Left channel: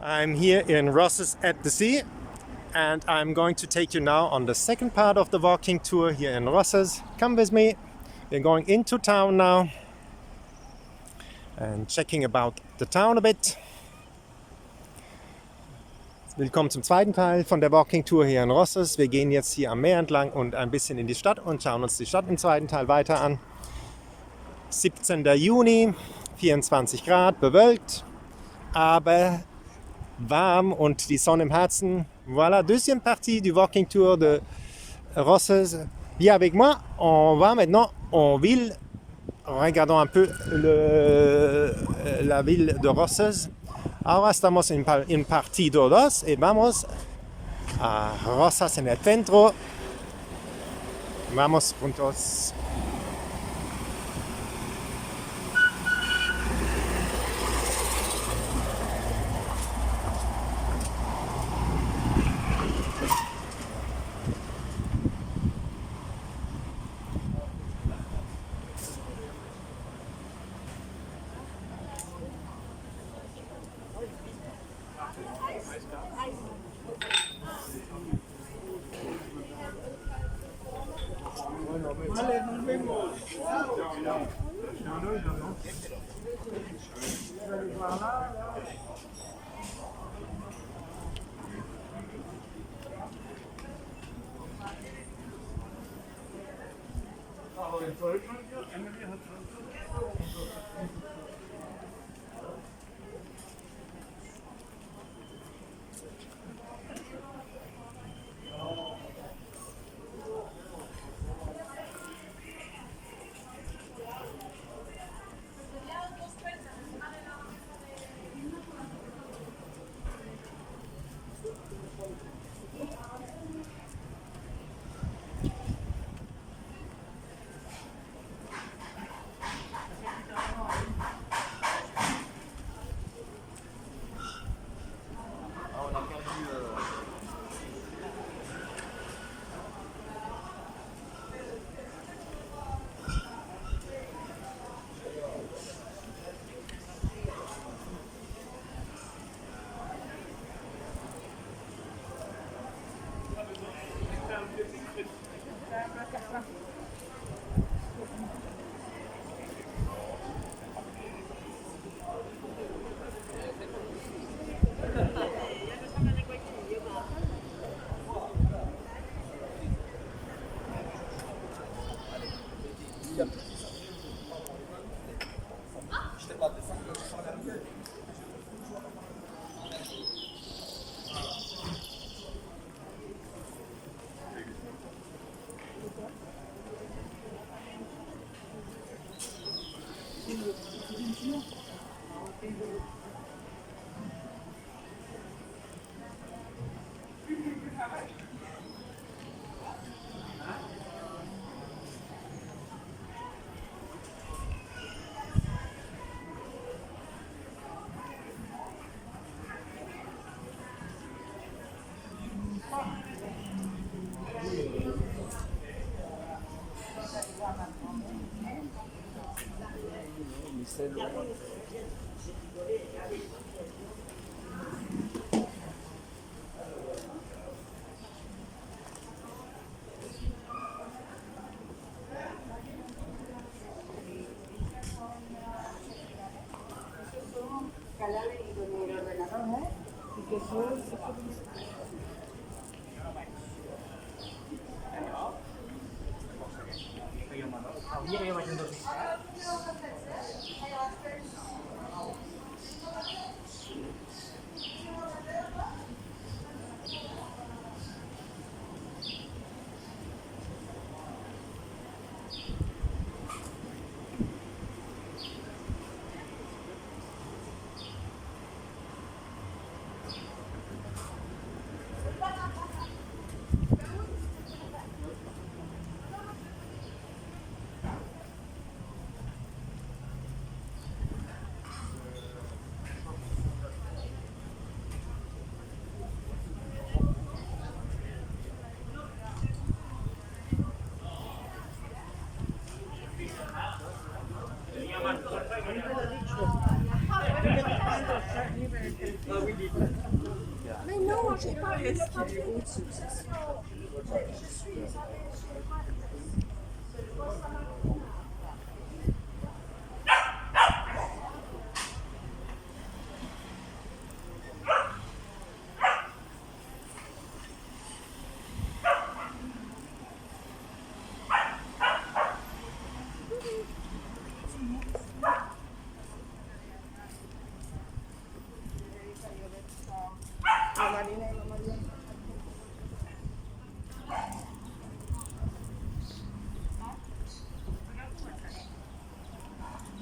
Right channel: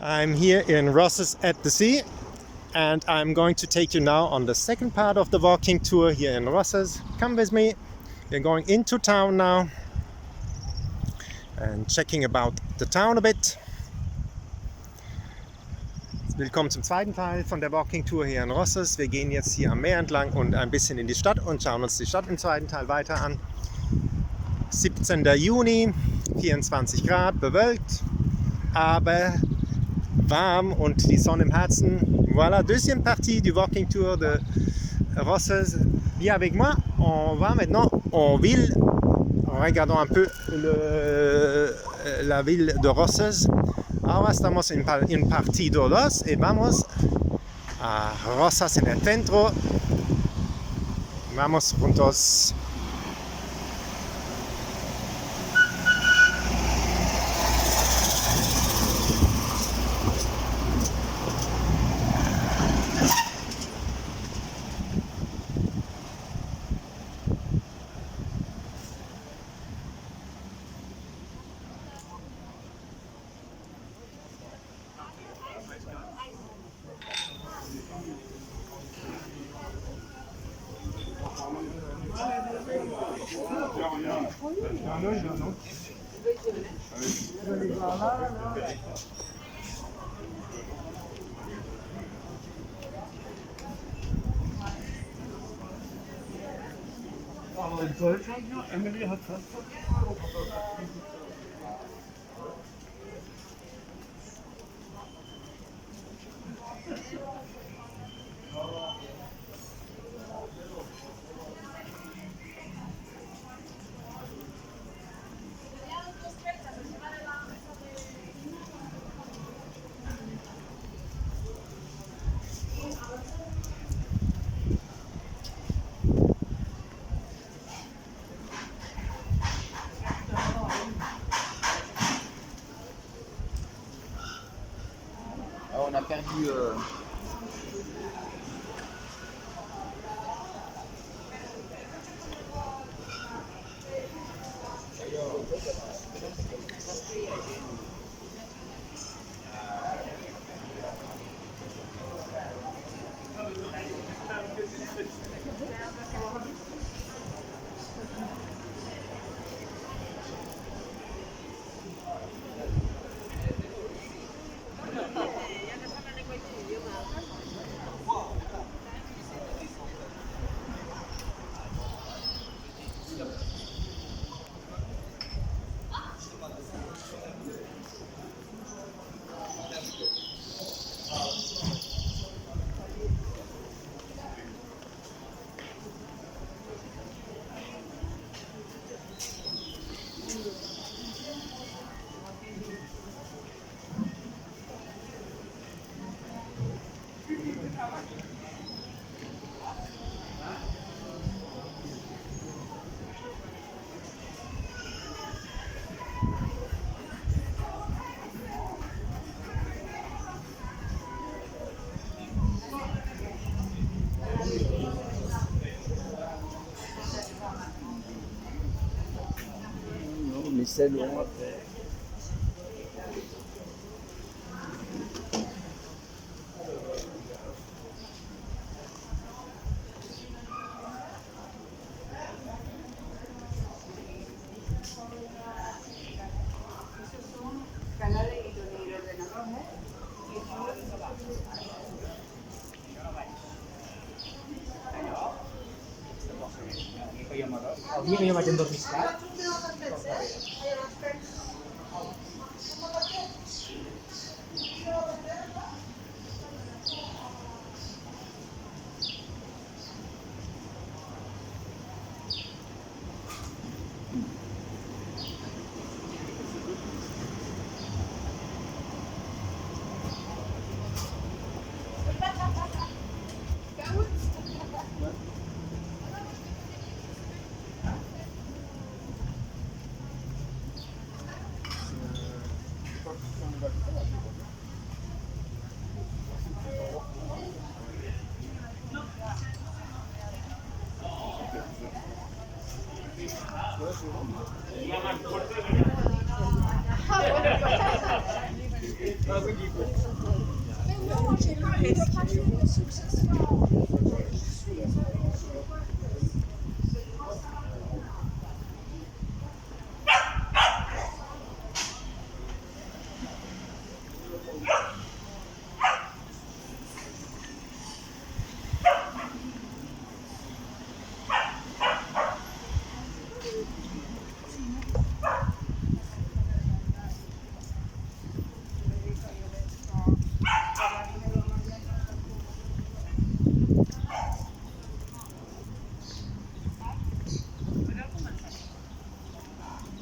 I'm here in Rosses at the sea, and I'm going to take you now on the second part of the walking tour here in Rosses. Come with me. We're going into town now and checking about the town a bit. Willkommen zum zweiten Teil von der Walking Tour hier in Rosses. Wir gehen jetzt hier am Meer entlang und ein bisschen in die Stadt und schauen uns die Stadt im zweiten Teil weiter an. 17. Juni, 24 Grad, bewölkt, aber warm und die Sonne im Herzen. Voilà, deuxième partie du Walking Tour de Rosses. Viens avec moi, on va maintenant en ville. Regardons un peu la ville de Rosses. Ahora estamos en partido 2 y vamos a Rosas en el centro. Vamos juntos. Aber in Deutschland, Emily hat fast 50 Euro. On a perdu. Mais c'est long après. Avui que jo vaig endormiscar. Mais non, j'ai pas fait de papier de succession. Je suis désolée, je n'ai pas fait.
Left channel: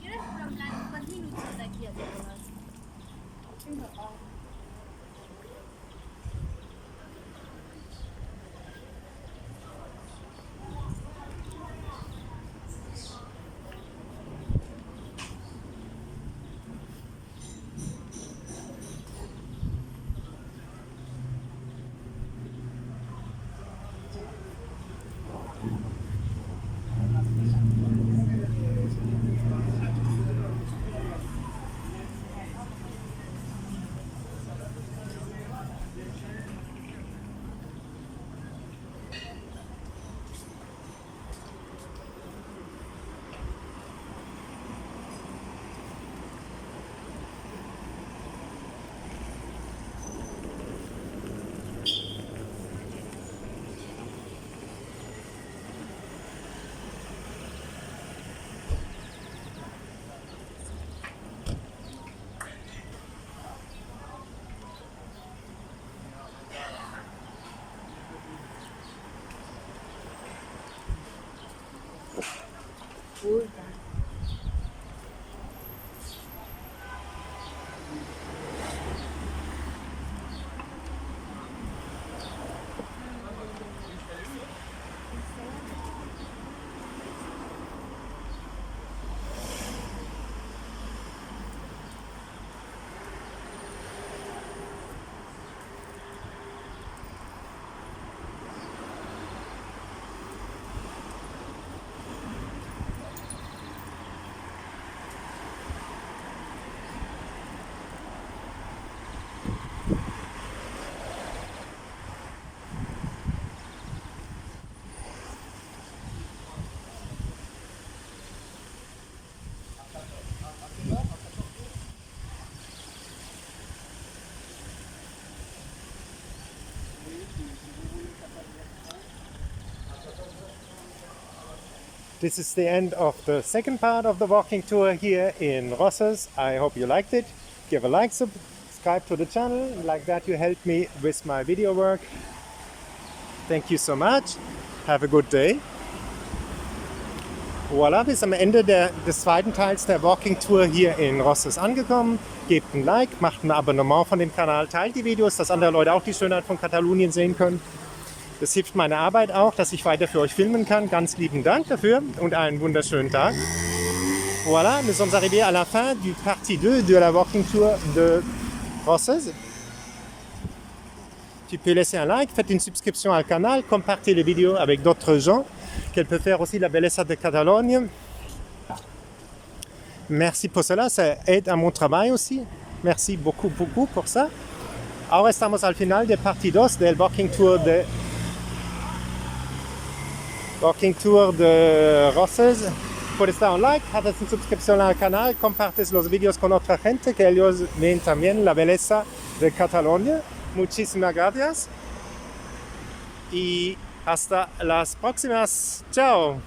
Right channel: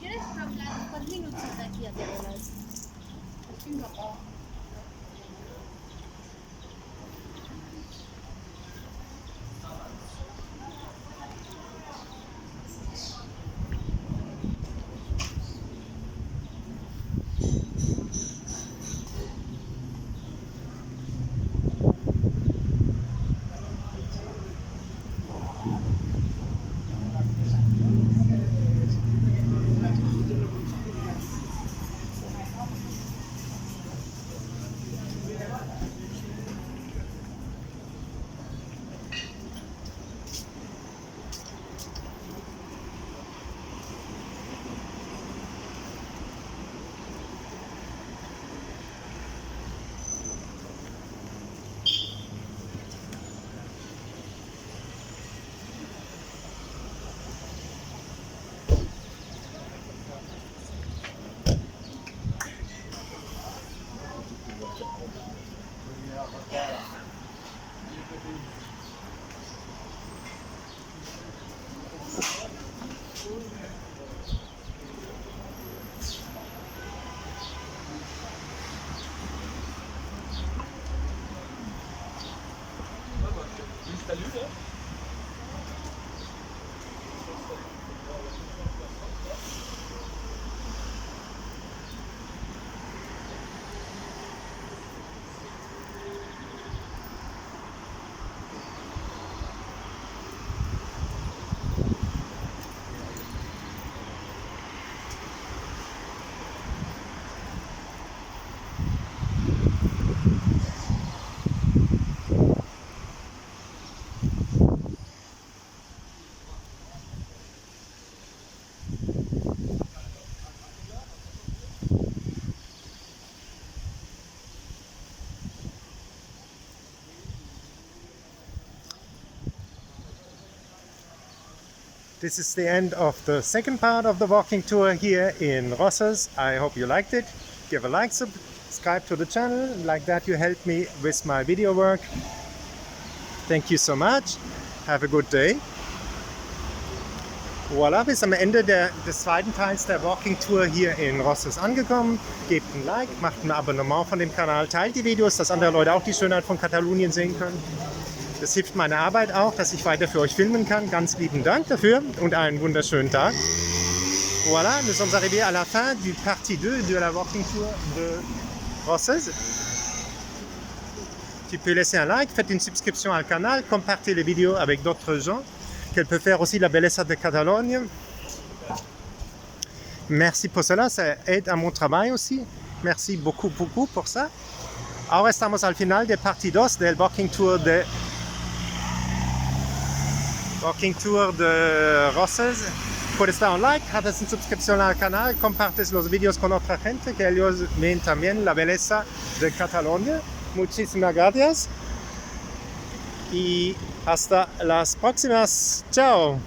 ¿Quieres hablar? ¿Cuántos minutos de aquí a Diagonal? This is the end of the second part of the walking tour here in Rosses. I hope you liked it. Give a like, subscribe to the channel. Like that you help me with my video work. Thank you so much. Have a good day. Voilà, bis am Ende des zweiten Teils der Walking Tour hier in Rosses angekommen. Gebt ein Like, macht ein Abonnement von dem Kanal, teilt die Videos, dass andere Leute auch die Schönheit von Katalonien sehen können. Das hilft meiner Arbeit auch, dass ich weiter für euch filmen kann. Ganz lieben Dank dafür und einen wunderschönen Tag. Voilà, nous sommes arrivés à la fin du partie 2 de la Walking Tour de Rosses. Tu peux laisser un like, faites une subscription au canal, compartez les vidéos avec d'autres gens, qu'elle peut faire aussi la belleza de Catalogne. Merci pour cela, ça aide à mon travail aussi. Merci beaucoup, beaucoup pour ça. Ahora estamos al final de parte 2 del Walking Tour de Rosses. Puedes dar un like, haces una suscripción al canal, compartes los vídeos con otra gente que ellos ven también la belleza de Cataluña. Muchísimas gracias y hasta las próximas. Chao.